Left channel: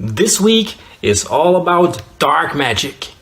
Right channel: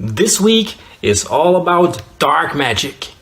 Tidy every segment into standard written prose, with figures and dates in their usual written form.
This week is all about dark magic.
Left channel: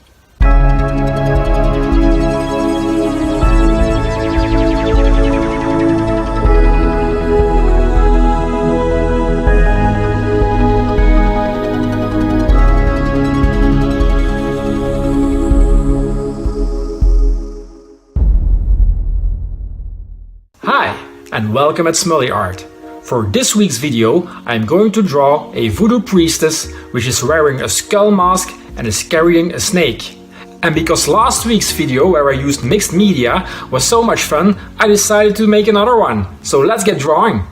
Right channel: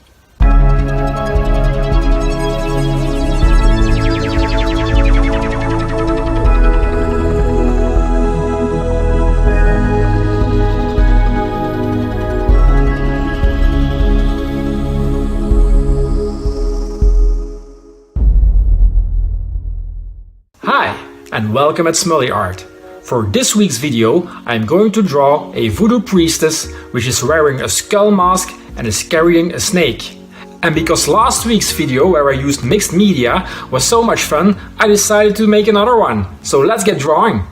Hi, and welcome at Smully Art. For this week's video, I'm going to draw a Voodoo Priestess which is wearing a skull mask and is carrying a snake. And because last week's video where I used mixed media was so much fun, I decided to make another one. So let's get drawing!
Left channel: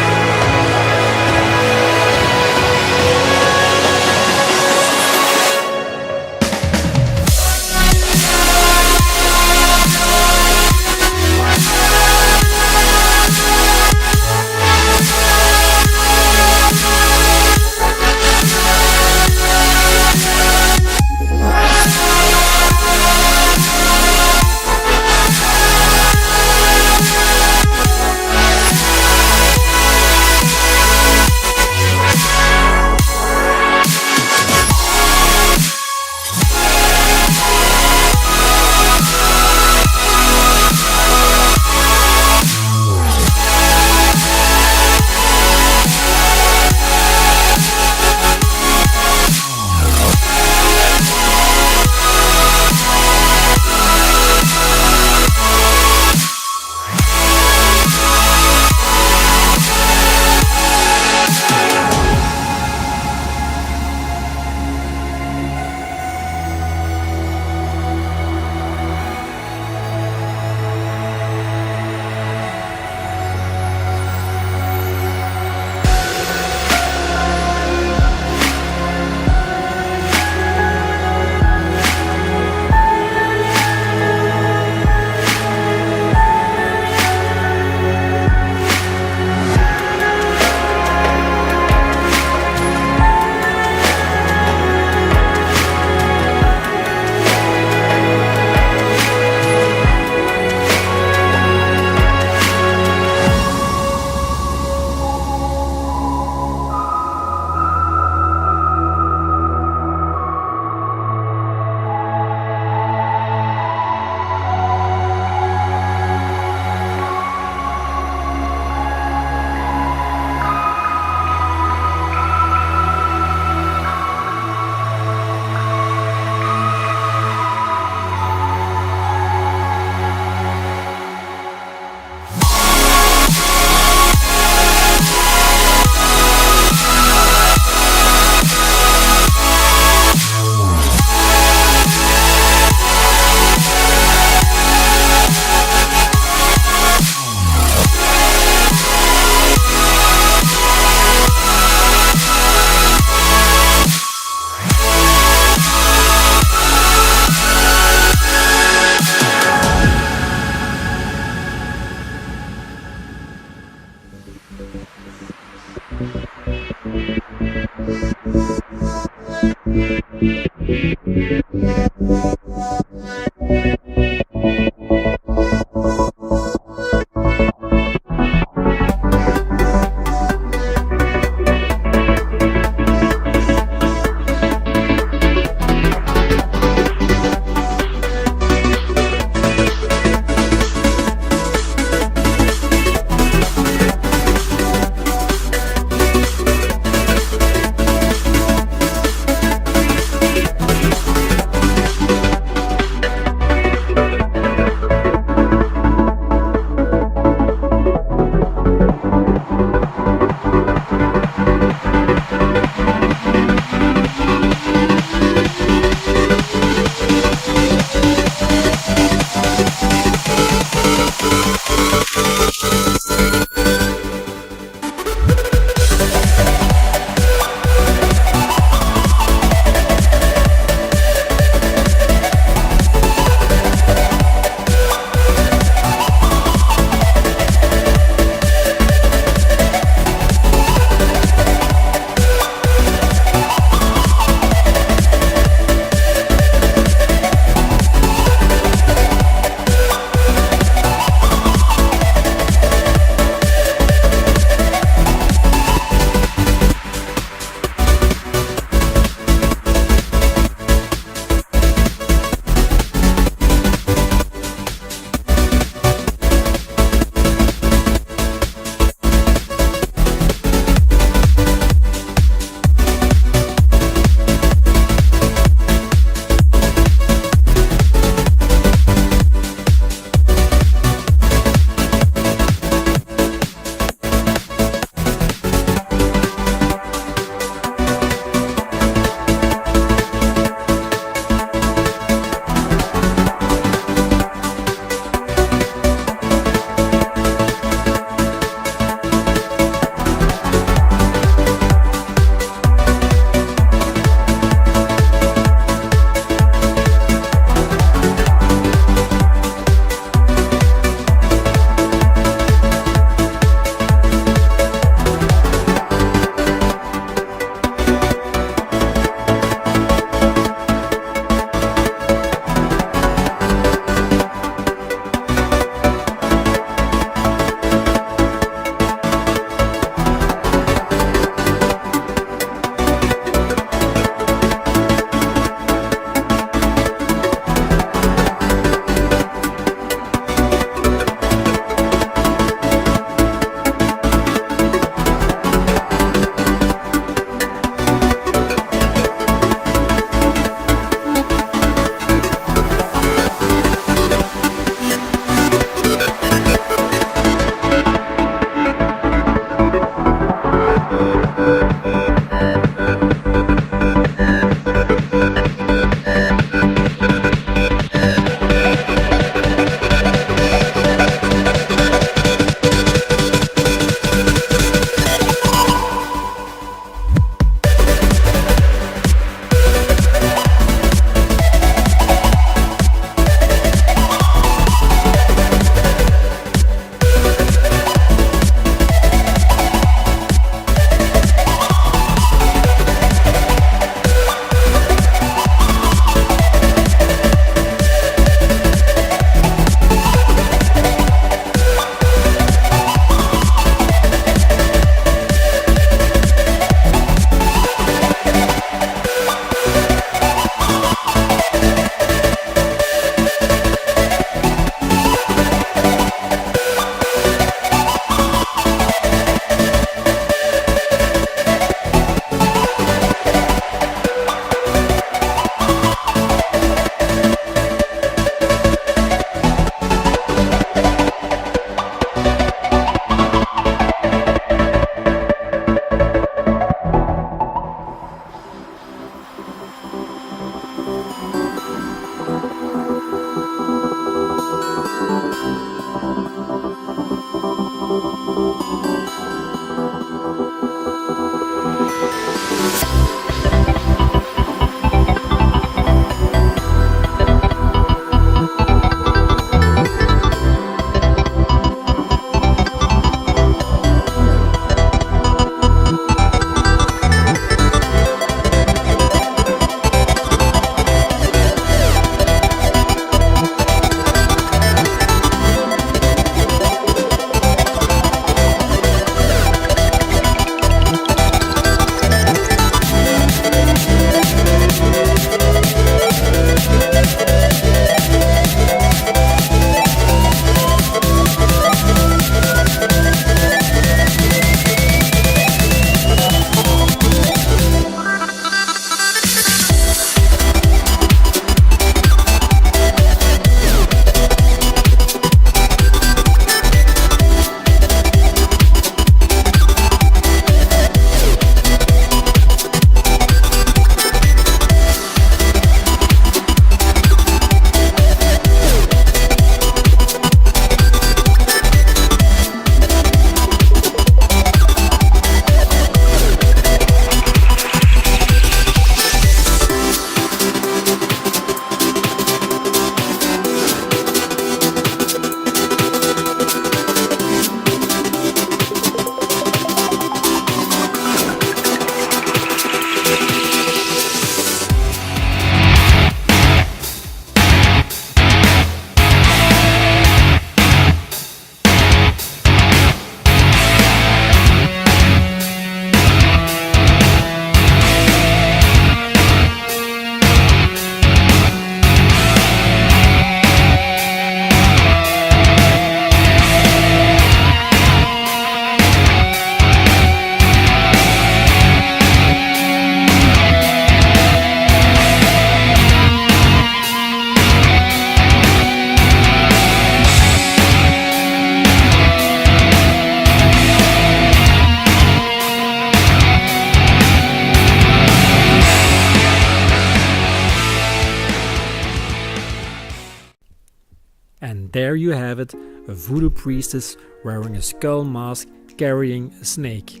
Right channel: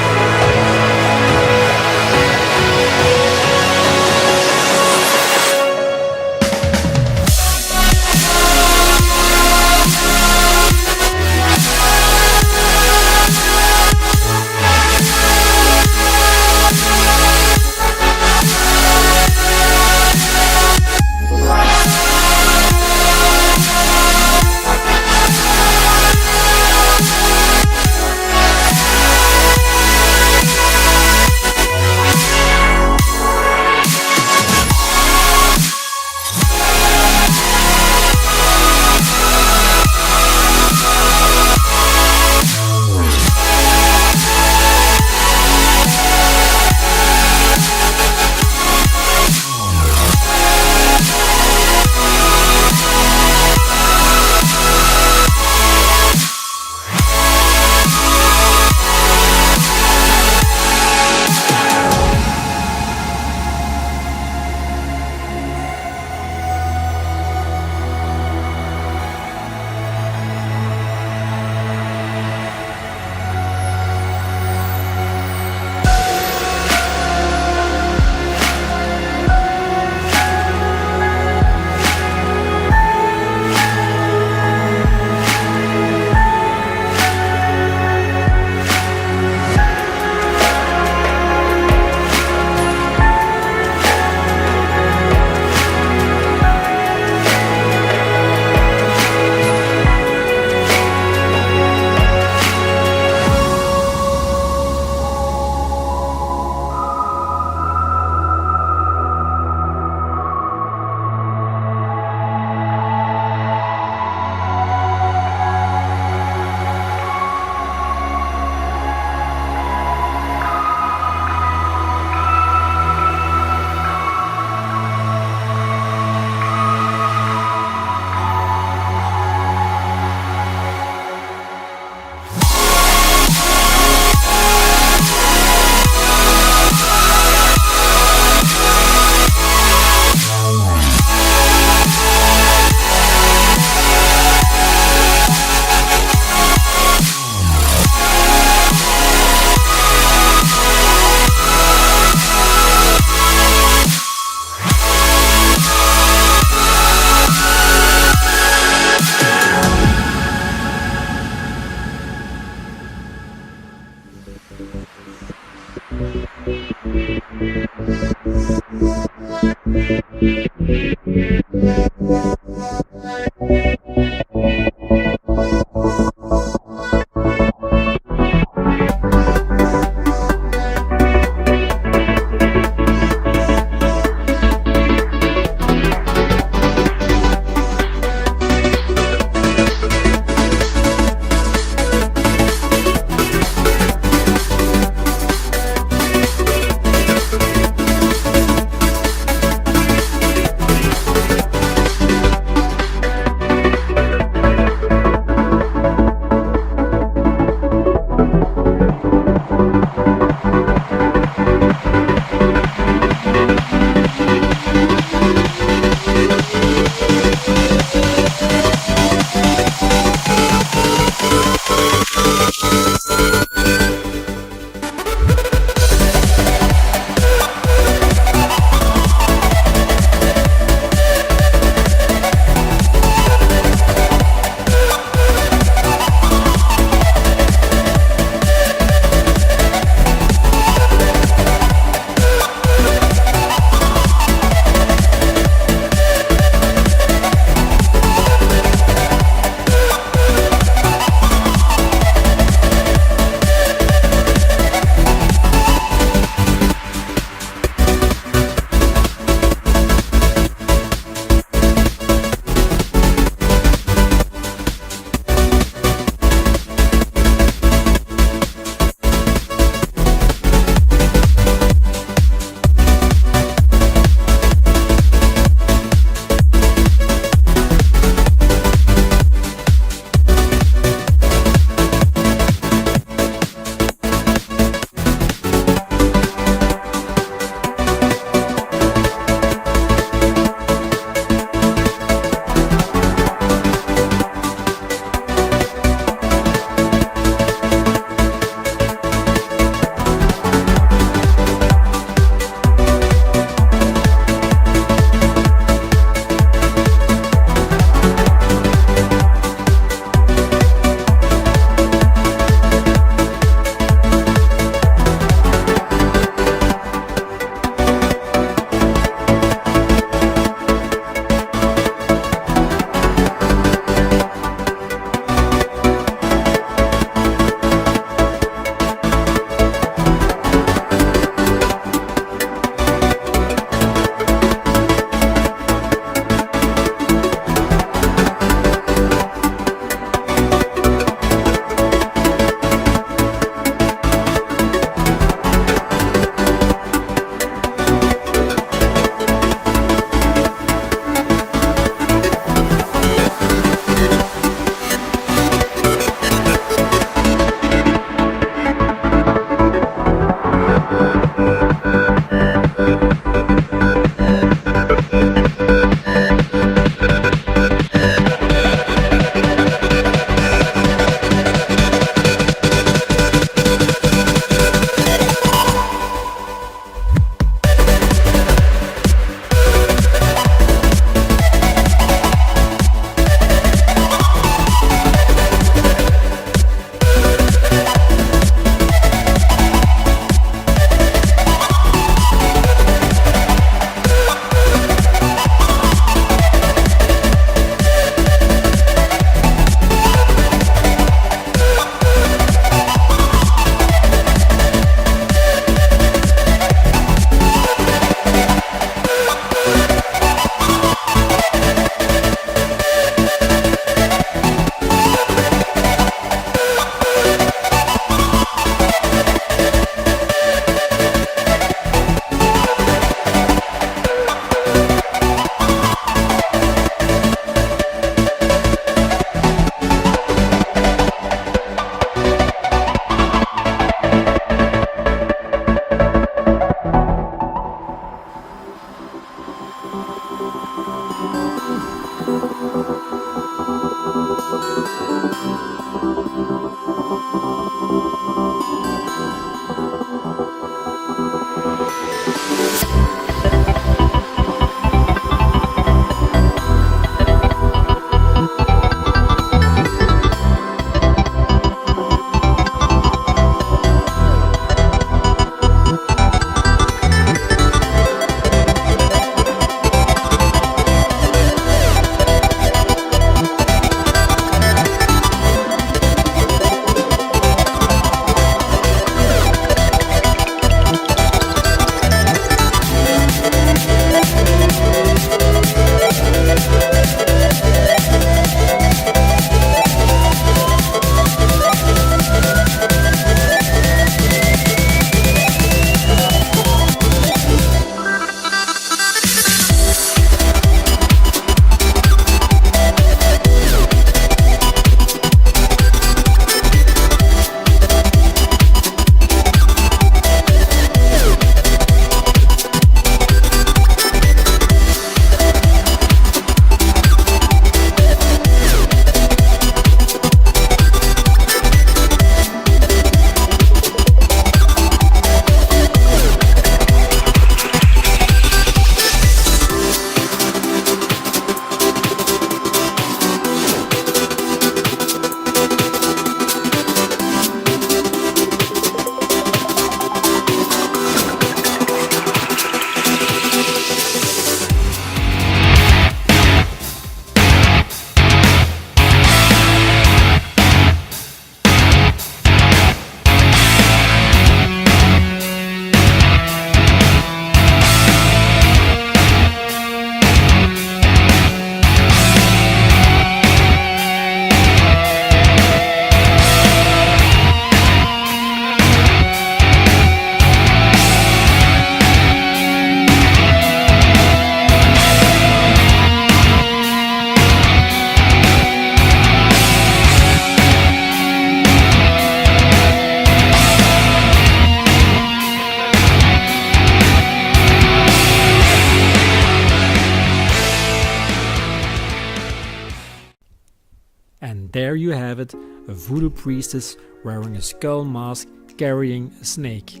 there you have it, a voodoo priestess wearing a skull mask carrying a snake.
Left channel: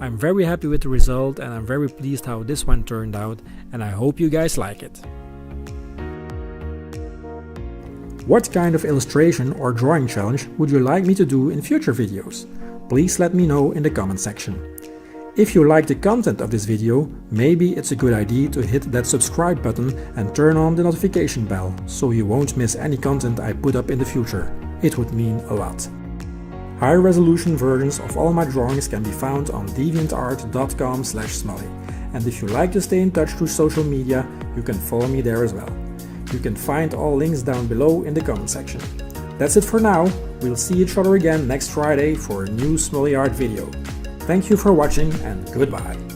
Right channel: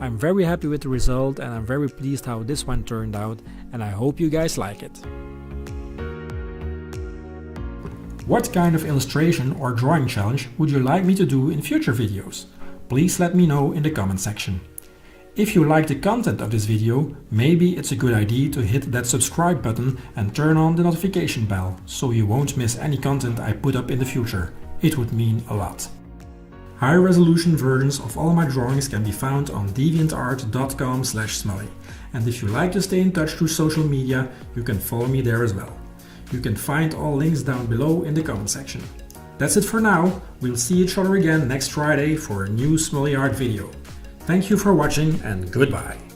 I'm very happy with the result and I'm very pleased how this one turned out, and I hope you guys like it. What kind of illustration or drawing challenge would you like me to do in future videos? Please let me know in the comment section. If you like the content of this video, maybe it's a good idea to hit that subscribe button and turn on the notification bell, so you won't miss any content I put up in the future. It would mean a lot. High resolution versions of all my drawings can be found on deviantart.com/smully. And if you like to stay in touch through social media, you can follow me there as well. You can find all links down below in the comment section. That's it for now. We'll see each other again next Friday for a new Smully Art video. Thank you for watching and goodbye.